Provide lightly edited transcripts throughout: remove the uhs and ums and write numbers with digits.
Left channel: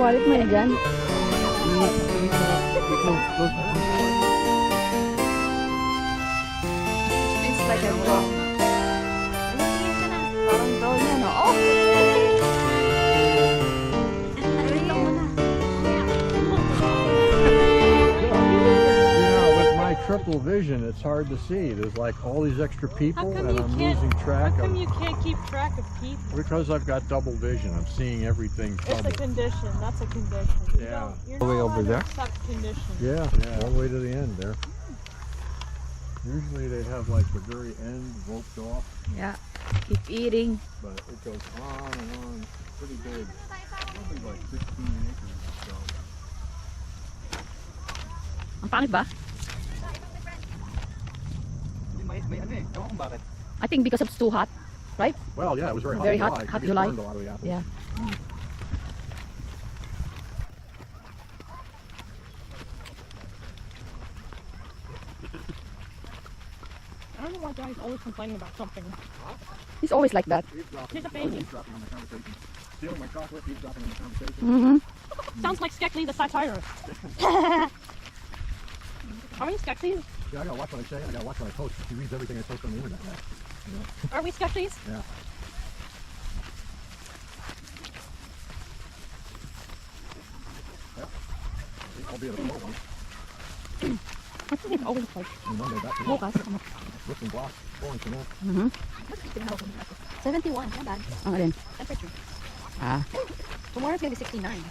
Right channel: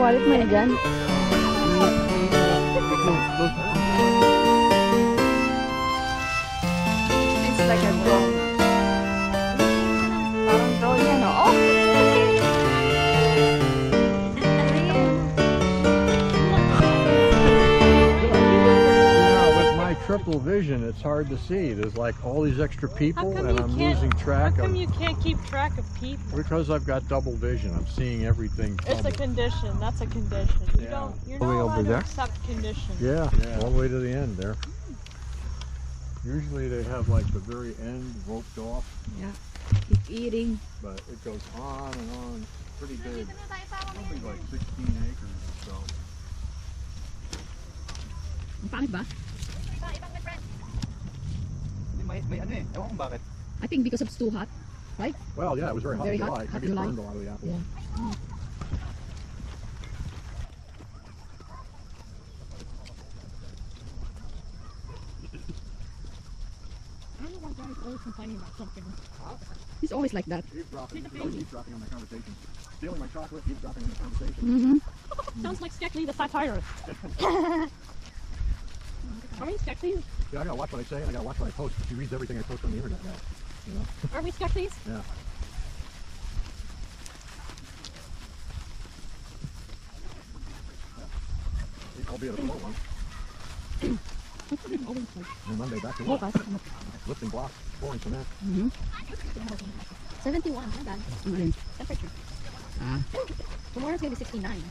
Wallet mo na dyan. It's like a drone. Parang drone yan, oh. With my triple vision, it's hard to see. There's like all these extra people and I'm losing track. How come you can't keep track of people? Because I've got double vision. I'm seeing everything double. It's a condition. That's a condition. Yeah. You're All the way not over allowed there? to accept conditions. Yeah, all the way to the end there. Usually they have like the very end roped off. Yeah, keep eating. But it goes on and on. It's pretty big. Probably like 16 acres or so. Ang pangit ba? I think because it's too hot, right? Well, yeah, it was very hot. Very hot, hot July. Yeah. I don't know why Daddy's always complaining about something. He's always like that. He's a baby. Mm-hmm. Sounds like Sketchy the satire. Are we Sketchies? Yeah, I gotta watch what I say. I gotta watch what I post. She reads everything I post on the internet. Are we Sketchies? Yeah. I'll be at a people one. Always like, Monday back to work. Lifting blocks, pulling cement. 71, not bad. Ang alin? Temperature. Ah. tomorrow it's gonna be 69.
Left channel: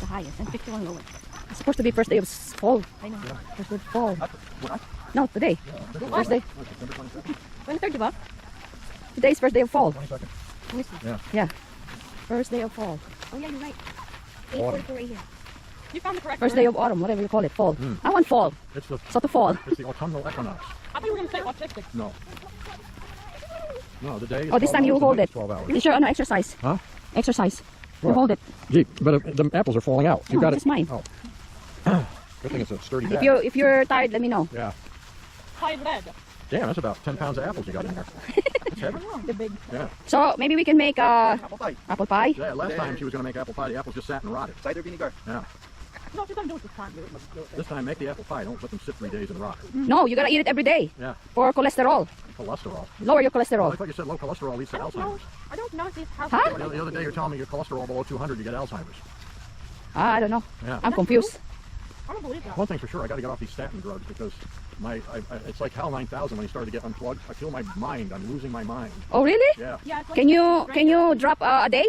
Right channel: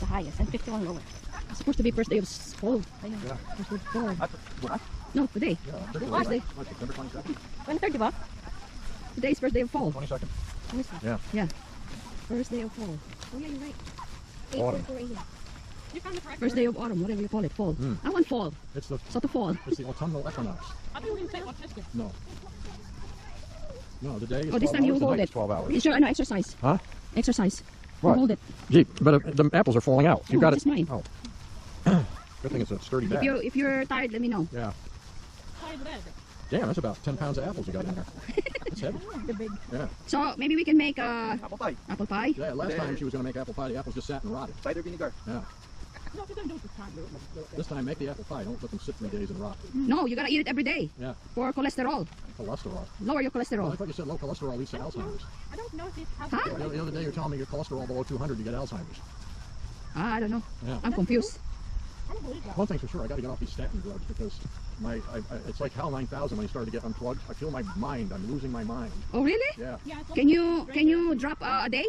The highest. 51 lower. It's supposed to be first day of fall. First day of fall. No, today. First day. 23rd, diba? Today is first day of fall. 22nd. Yeah. First day of fall. Oh yeah, you're right. Autumn. You found the correct First word. day of autumn, whatever you call it, fall. Mm. I want fall. It's the, So to fall. it's the autumnal equinox. I think we were gonna say autistic. No. No, the day is Oh, this 12 time you hours, hold the night it. is 12 hours. This is your exercise. Huh? Exercise. You What? hold it. Gee, but the apples are falling out. You No, got this it. is mine. Oh. Good thing it's a sturdy bag. If you're tired, let me know. Yeah. High lead. Damn, that's about 10 pounds of apples you got in there. That's heavy. The big. Yeah. So maybe we can make Apple pie. apple pie. Yeah, last time she was going to make apple pie, the apples just sat and rotted. Cider vinegar. Yeah. No, you're gonna do it this time. This time, make the apple pie. Don't let them sit 3 days and rot. No, you gotta eat it every day Yeah. for cholesterol. Cholesterol. Lower your Well, I cholesterol. thought you said low cholesterol leads to I don't know. Alzheimer's. I don't know if these have. Huh? The other day you're telling me your cholesterol below 200, you get Alzheimer's. I don't know. Yeah. I'm confused. I don't believe that. One thing for sure, I got to get off these statin drugs because it's like HAL 9000 when you started to get unplugged. I feel my mind. I'm losing my mind. Oh really? Yeah. Yeah, it's like Can you drop a day?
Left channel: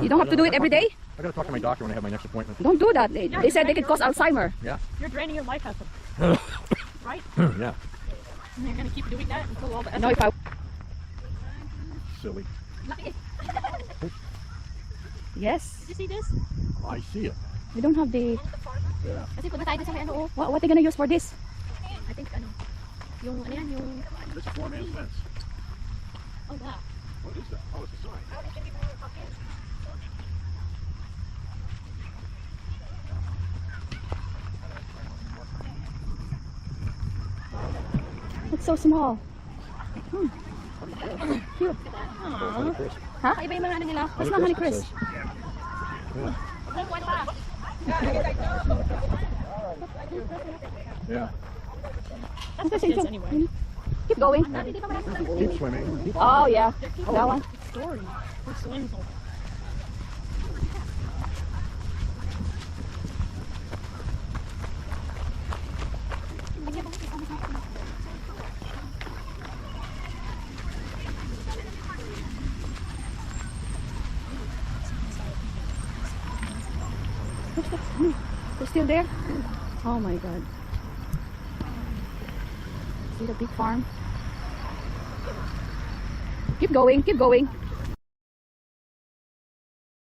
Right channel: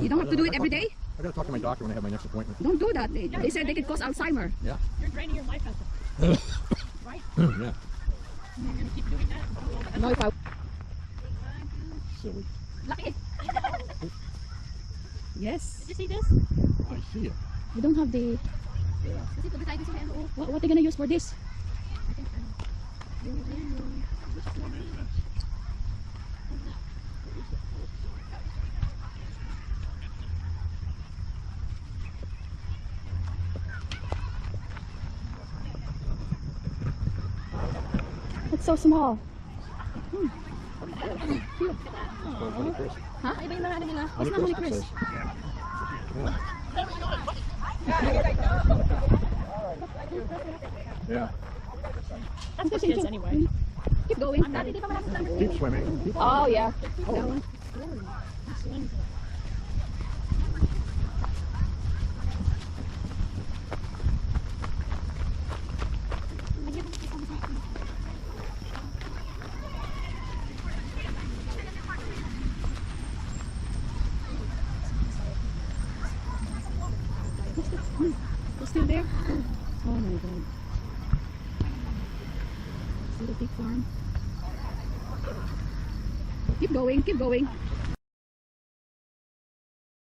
You don't have to do it every day. I got to talk to my doctor when I have my next appointment. Don't do that. They said they could cause Alzheimer. Yeah. you're draining your life essence. Right? Yeah. And you're gonna keep doing that until all the No, if I Silly. yes, You see this? I see it. you don't have the. Kasi kung tayo kasi may ano, What are they gonna use for this? I think ano, yung ano yan, yung, This is one man's fence. oh yeah. What is that? Oh, it's a sign. It's so small. Cute. Ha? Iba yung mga ano nila. What's not honey Chris? Yeah. That's for kids anyway. Keep going. Keep swimming. Oh yeah. That one. Story. It's swimmable. We're still there. Oh my god. See the big farm. Keep going, keep going.